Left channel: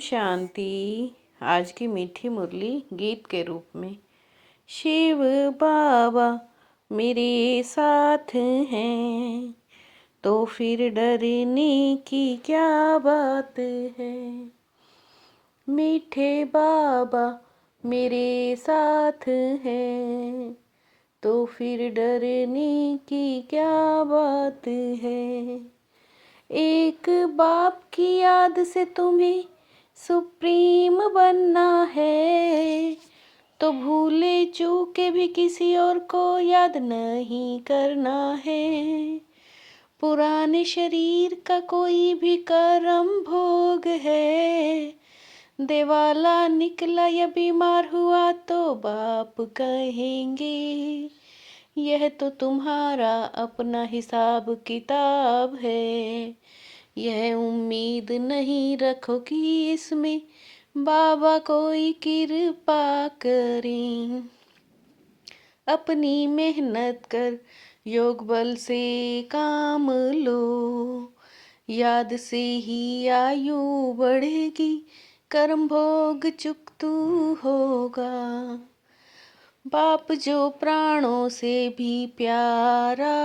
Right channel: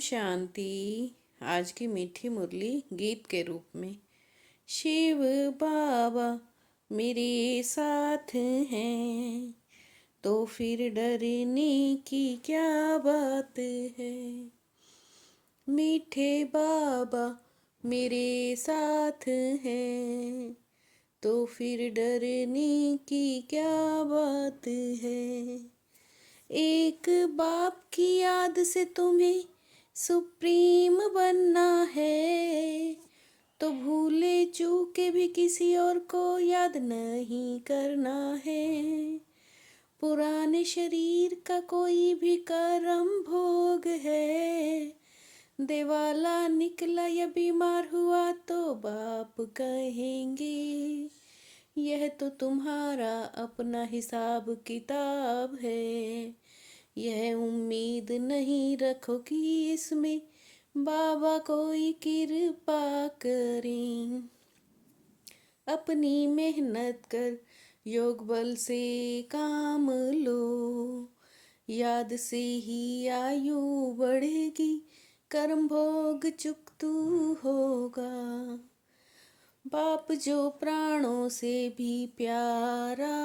शांति। आज की मीठी मुरली गीत के रूप में। शिव बाबा मेरे साथ हैं तो फिर डरने की क्या बात है। मीठे बाबा मेरे साथ हैं तो फिर डरने की क्या बात है। एक बाप की याद से तुम्हें सुप्रीम बनना है तो भूले चूके भी किसी और को याद नहीं करना है। पुराने शरीर का कोई भी कर्म भोग है, देवाला निकला या बीमार हुआ तो बाप कहेंगे यह तो तुम्हारा अपना हिसाब किताब है। यह उम्मीद नहीं रखो कि इसमें बाबा कोई कृपा करें। अपनी मेहनत कर योग बल से काम लो, याद से ही आयु बढ़ेगी, कर्म भोग चुकतू होगा। बाप जो प्राणों से भी प्यारा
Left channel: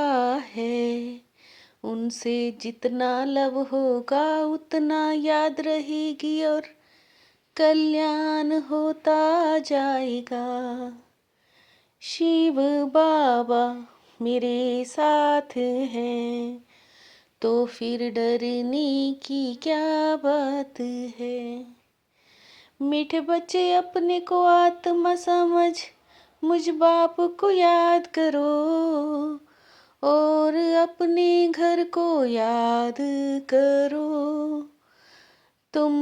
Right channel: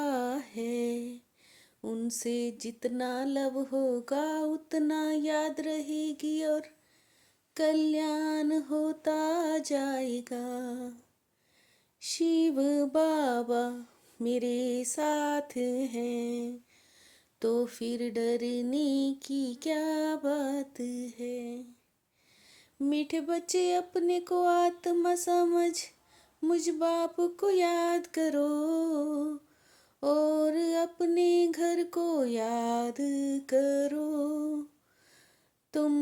है, उनसे जितना लव होगा उतना याद रहेगी और कल्याण होता जाएगा। शिव बाबा मेरे साथ हैं तो फिर डरने की क्या बात है। मीठे बच्चे अपने को आत्मा समझ मुझ बाप को याद करो और अपने घर को याद करो। तुम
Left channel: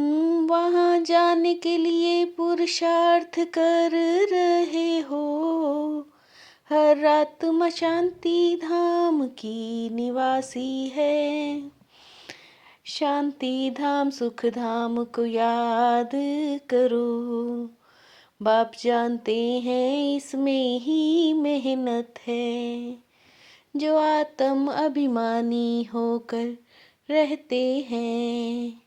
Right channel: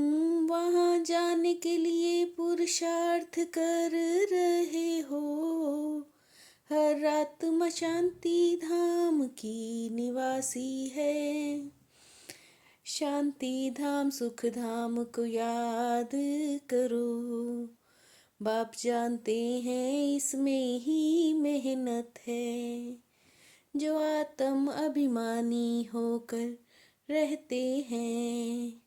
वहाँ जाने के लिए पुरुषार्थ कर रहे हो। हर आत्मा शांति धाम की निवासी है। शांति धाम सुख धाम को याद करो। बाप जानते हैं इसमें ही मेहनत है। जो आत्म अभिमानी होकर रहते हैं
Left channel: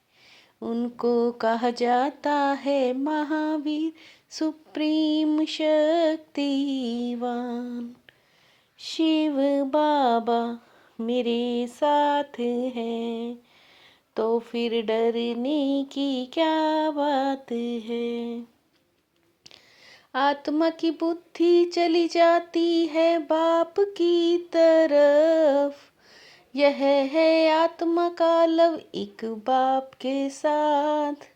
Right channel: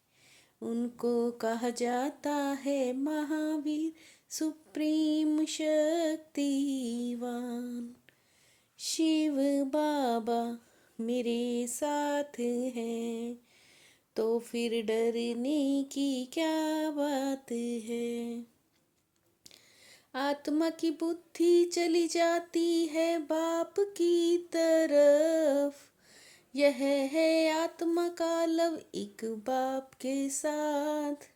उनको कहा जाता है महावीर सुप्रीम शक्तिवान। शिव बाबा मेरे साथ हैं तो फिर डरने की क्या बात है। आत्मा की बुद्धि चली जाती है बाप की तरफ, यह है आत्मा का लव एक बाप के साथ।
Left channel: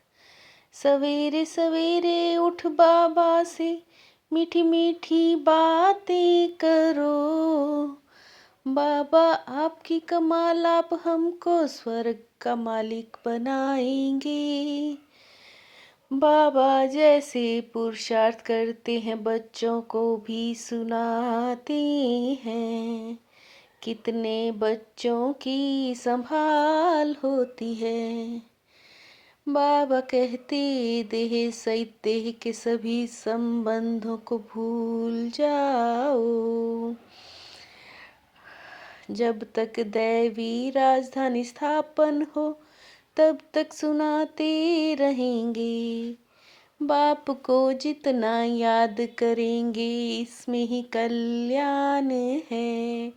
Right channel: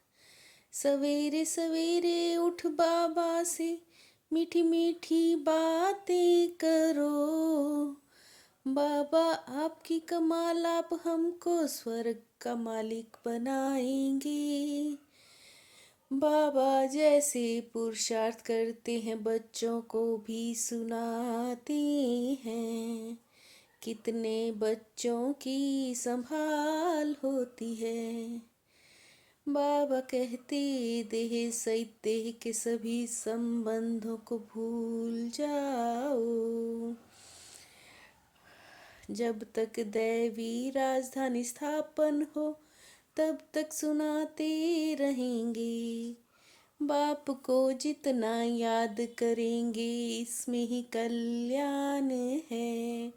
सवेरे सवेरे उठ बाबा से मीठी मीठी बातें करो। बाबा आपकी कमाल आप हमको स्वर्ग का मालिक बनाएंगे। बाबा जैसे पुरुषार्थ करते हैं बच्चों को भी सुनाते हैं। कितने बच्चों की संभाल होती है। बाबा कहते देह सहित देह के सभी संबंधों को भूल जाओ। जब तक दैवी राजधानी स्थापन हो तब तक सुनाते रहेंगे। बाप को जितना याद करेंगे इसमें ही कल्याण है।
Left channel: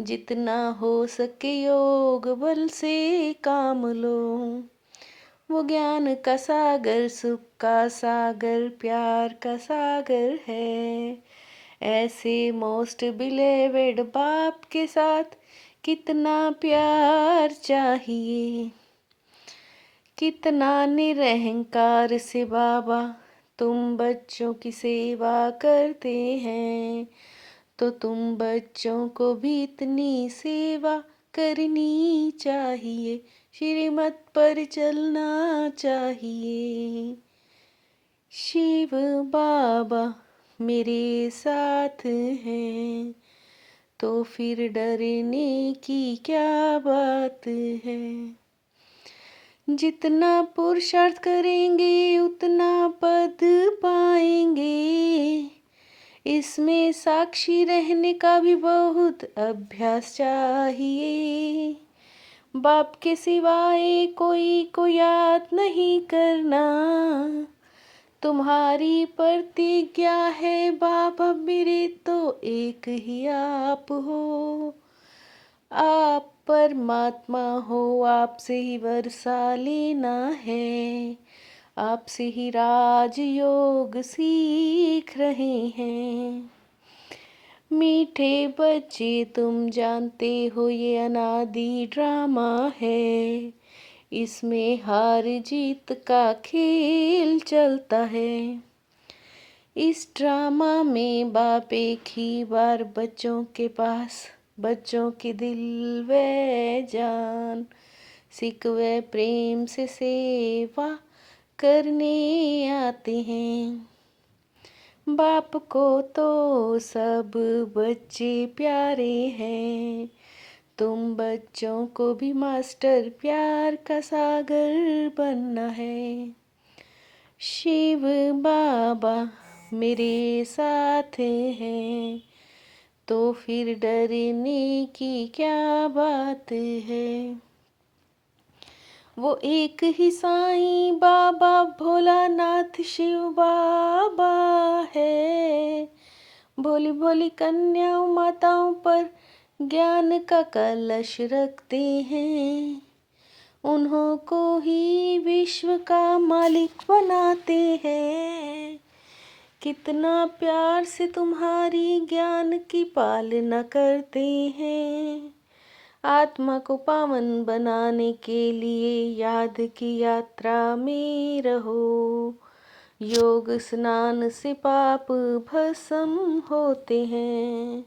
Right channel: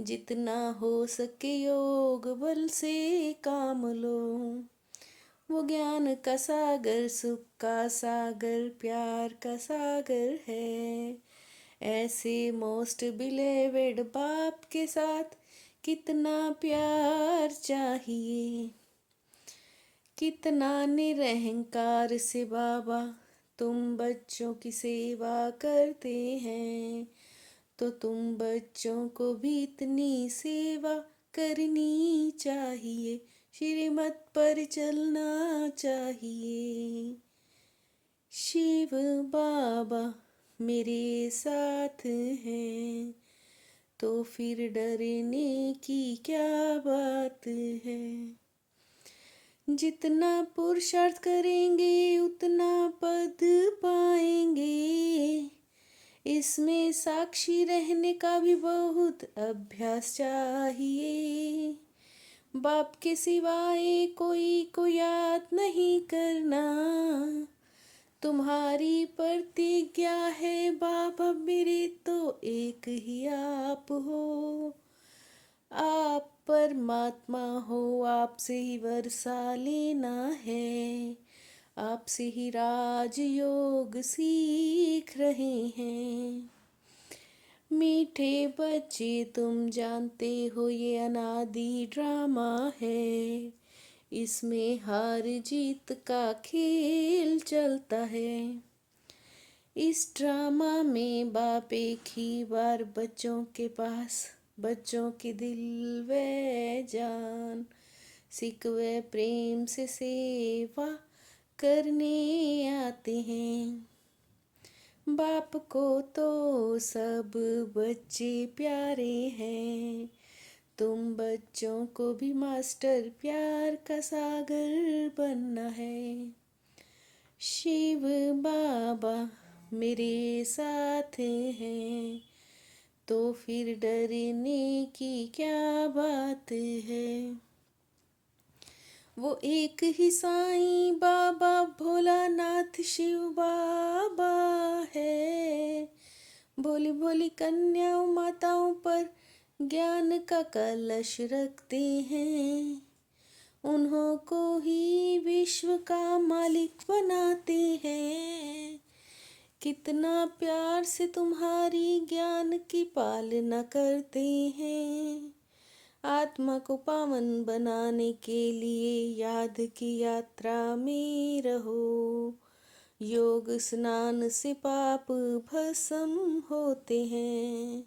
जितना हो सके योग बल से काम लो। वो ज्ञान का सागर सुख का सागर प्यार का सागर है। ऐसे मोस्ट बिलेवेड बाप के साथ कितना प्यार चाहिए। कितना निरहंकार से बाबा तुम बच्चों की सेवा करते हैं तो तुम बच्चों को भी इतनी सेवा करनी चाहिए। श्रीमत पर चलना चाहिए। शिव बाबा मेरे साथ हैं तो फिर डरने की क्या बात है। जितना पुरुषार्थ करेंगे उतना पद पाएंगे। इसमें साक्षी रहने का भी बहुत अभ्यास चाहिए। बाप के सिवाय कोई को याद नहीं करना। तुम्हारी प्रतिज्ञा है बाबा मेरे, तो एक ही आप हो। आप परमात्मा हो, आपसे ही वर्षा लेना है, आपसे ही राजयोग सीख रहे हैं। मीठे बच्चे तुम जानते हो ये अनादि ड्रामा है, इसमें हार जीत का खेल चलता है। इस ड्रामा में बाप एक ही बार बच्चों के पास, बच्चों के दिल व जान, सिक व प्रेम से सेवा करने आते हैं। बाप को तो सब बच्चे प्यारे हैं, तुम बच्चों को भी मास्टर प्यार का सागर बनना है। शिव बाबा मेरे साथ हैं, तो फिर डरने की क्या बात है। वो एक ही साईं बाबा भोलानाथ शिव बाबा है। भोली भोली कन्याओं माताओं पर ज्ञान का कलश रखते हैं, उन्हों को ही विश्व का मालिक बनाते हैं। कितना प्यार से तुम्हारी ज्ञान की पालना करते हैं। आत्मा को पावन बनाने के लिए याद की यात्रा में रहो। योग स्नान से पाप भस्म होते हैं।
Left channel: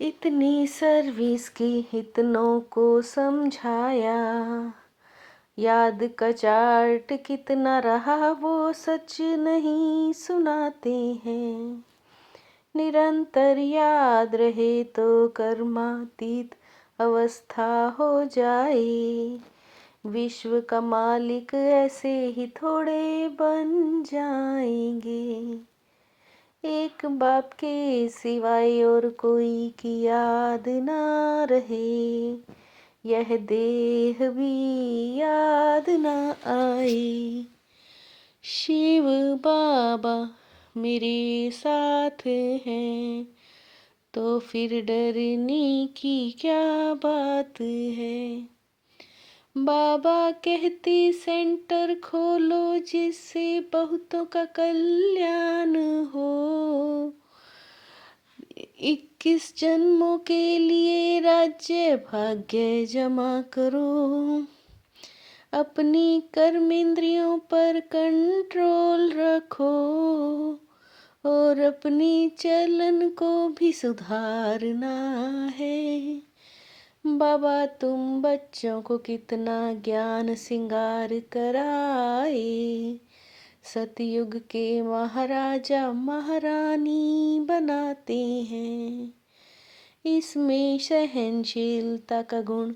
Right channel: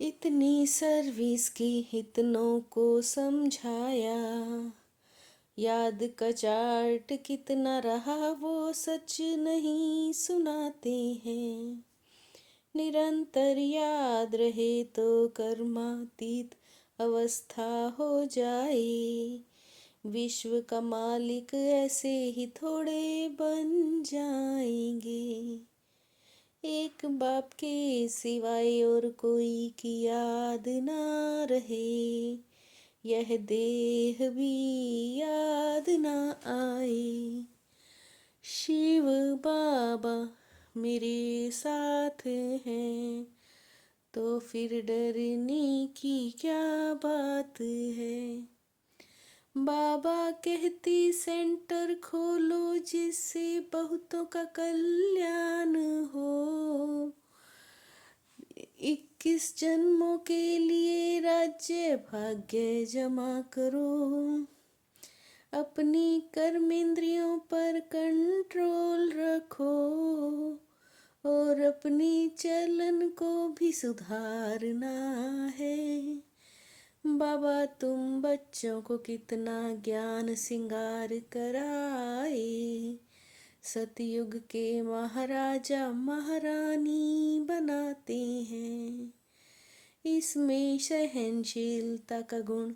इतनी सर्विस की इतनों को समझाया, याद का चार्ट कितना रहा वो सच नहीं सुनाते हैं। निरंतर याद रहे तो कर्मातीत अवस्था हो जाए। विश्व का मालिक ऐसे ही थोड़े बन जाएंगे। एक बाप के सिवाय और कोई की याद ना रहे, यह देह भी याद ना आए। शिव बाबा मेरे साथ हैं, तो फिर डरने की क्या बात है। बाबा कहते सेंटर खोलो जिससे बहुतों का कल्याण हो। 21 जन्मों के लिए राज्य भाग्य जमा करो। अपनी कर्मेंद्रियों पर कंट्रोल रखो और अपनी चलन को भी सुधारना है। बाबा तुम बच्चों को कितना ज्ञान सिंगार कराए, सतयुग के महाराजा महारानी बनाते हैं। इसमें सहनशीलता का गुण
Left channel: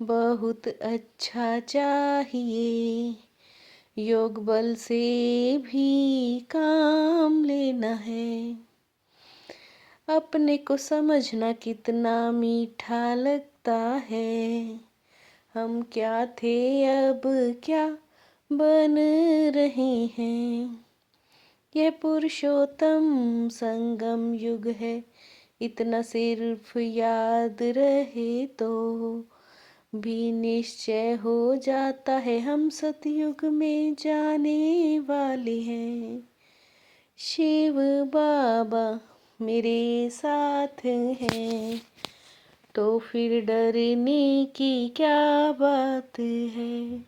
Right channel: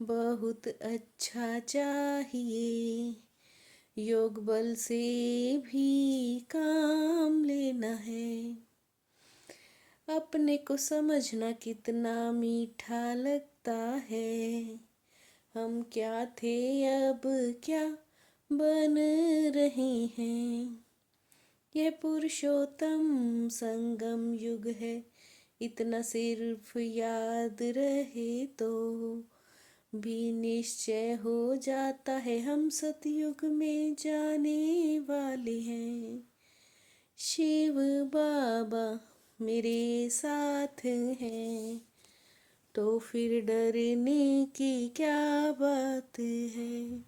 बहुत अच्छा चाहिए, योग बल से भी काम लेना है। अपने को समझना कितना मीठा लगता है, हम क्या थे अब क्या बन रहे हैं। यह पुरुषोत्तम संगम युग है, इतना सिर्फ याद रहे तो भी निश्चय हो जाता है हम सतयुग में जाने वाले हैं। शिव बाबा मेरे साथ हैं, तो फिर डरने की क्या बात है।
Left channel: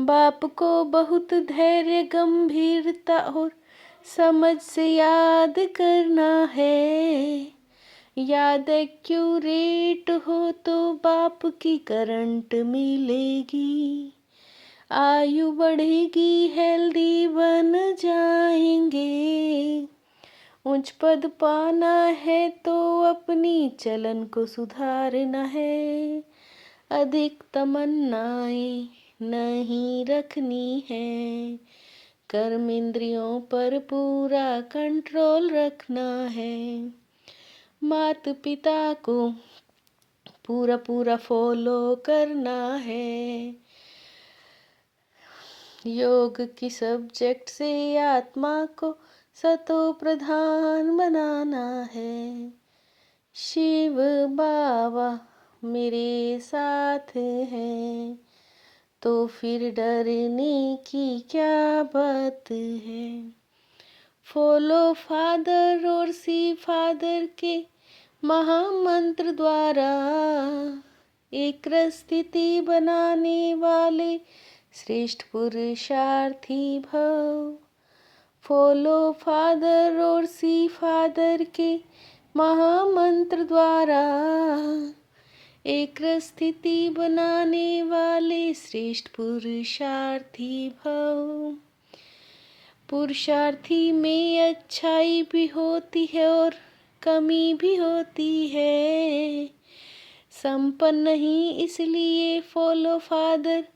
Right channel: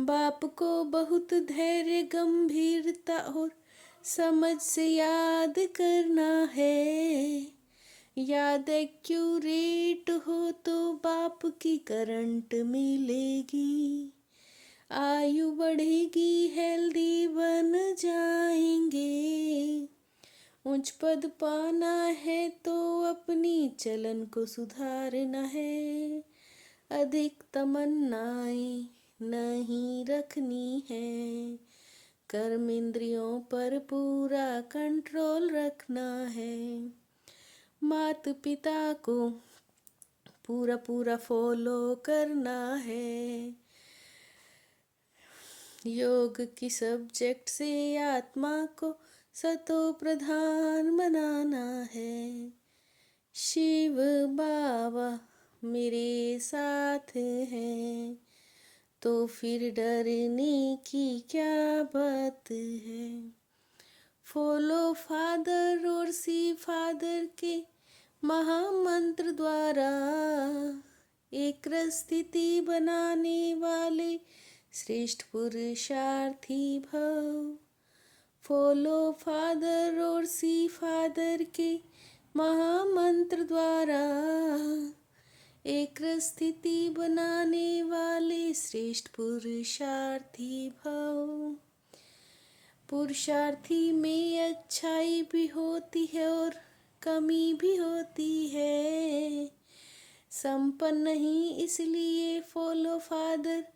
बाप को बहुत धैर्य गंभीरता और समझ से याद करना है। याद एक्यूरेट हो तो बाप की करंट मिलेगी, आयु बढ़ेगी, हेल्दी बन जाएंगे। उच्च पद पाना है तो अपनी चलन को सुधारना है। अधिक तमन्नाएं नहीं रखनी है, कर्म इंद्रियों पर पूरा कंट्रोल रखना है। माता पिता को पूरा पूरा फॉलो करना है। योग की सब्जेक्ट से आत्मा को सतो प्रधान बनाना है। शिव बाबा मेरे साथ हैं, तो फिर डरने की क्या बात है। फॉलो फादर और सी फादर के महामंत्र द्वारा एक स्थिति बनाने वाले श्रेष्ठ पुरुषार्थी भव। फॉलो फादर और सी फादर के महामंत्र द्वारा एक स्थिति बनाने वाले श्रेष्ठ पुरुषार्थी भव। पुरुषार्थी में अच्छाई भी होती है और कमी भी होती है। संपन्न ही इसलिए फॉलो फादर,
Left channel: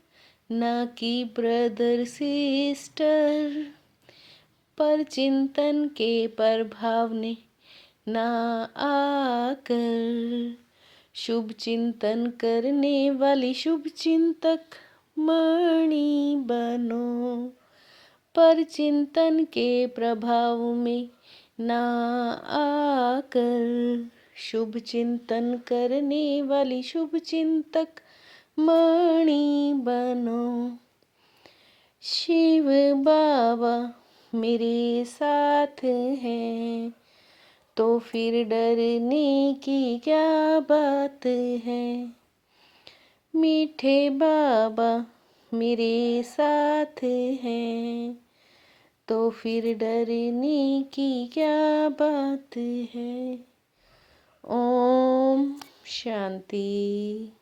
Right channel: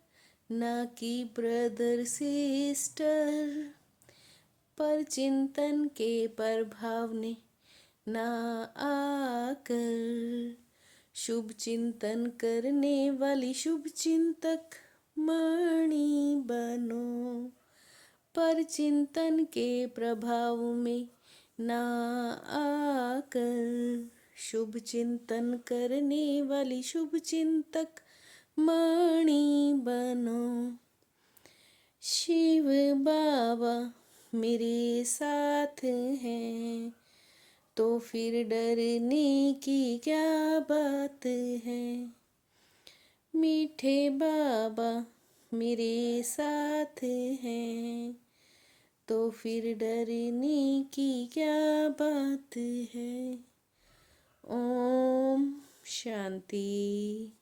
न कि ब्रदर सिस्टर। पर चिंतन के प्रभाव ने ना आकर शुभ चिंतन करने वाली शुभ चिंतक मणि बनो। पर चिंतन के प्रभाव में ना आकर शुभ चिंतन करने वाली शुभ चिंतक मणि बनो। शिव बाबा मेरे साथ हैं, तो फिर डरने की क्या बात है। मीठे बाबा मेरे साथ हैं, तो फिर डरने की क्या बात है। ओम शांति।